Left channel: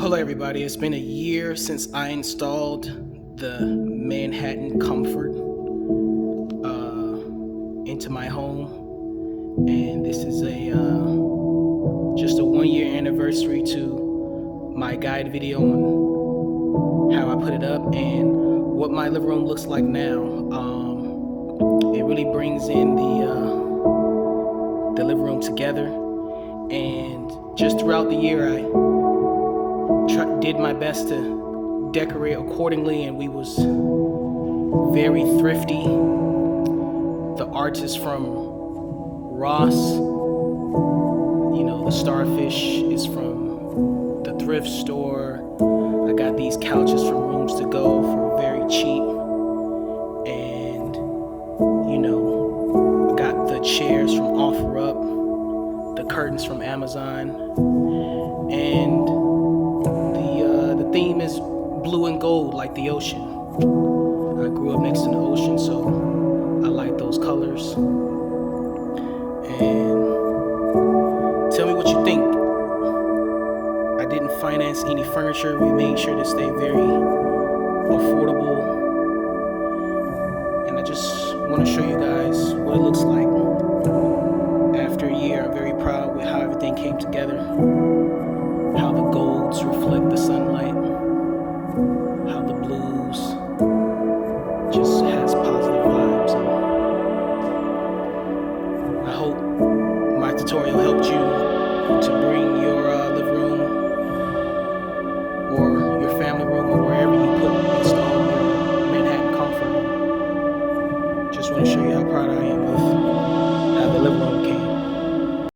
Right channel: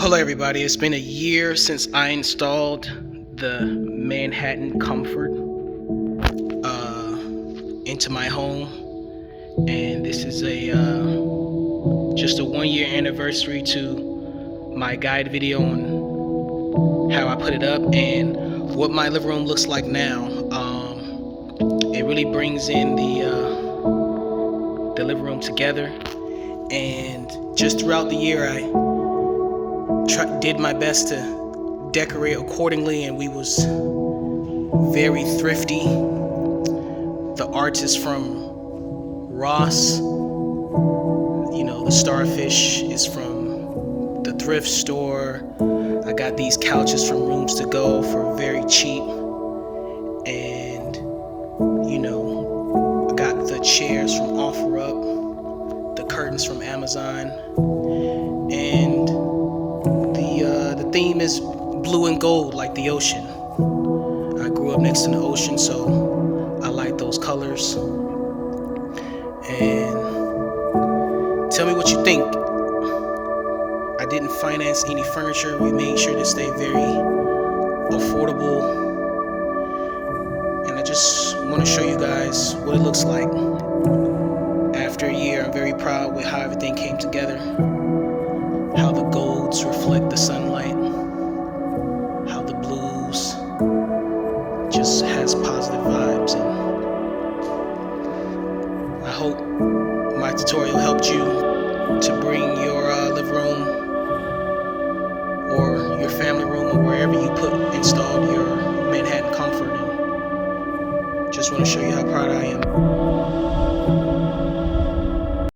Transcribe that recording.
Hello, everybody. It's been a year since I installed the Manhattan Comfort into my home, and this is a just a 1 year anniversary to my guide video on how I put it up and what my living room looks like now. It really brings in the living room together, and just throughout the year, I did my best to decorate accordingly, and we was very thrifty. The artist from Ross, the starfish is from the thrift store. I got these couches from Rooms to Go for very cheap, and I got the chairs from OfferUp, the curtains from Amazon, and the theme is blue and gold like the ocean. I grew up next to the ocean, so I like those colors. And tell me what you think. I didn't finance any furniture. We made sure to stay very affordable. And I just want to show you guys what it looks like after a year. I'm very proud with how everything came together, how the golds reflect the sunlight, how the blues just has positive vibes. And I hope my tutorial helped you to bring your living room or your family room or wherever you install your Manhattan Comfort. And just want to show you how proud I am of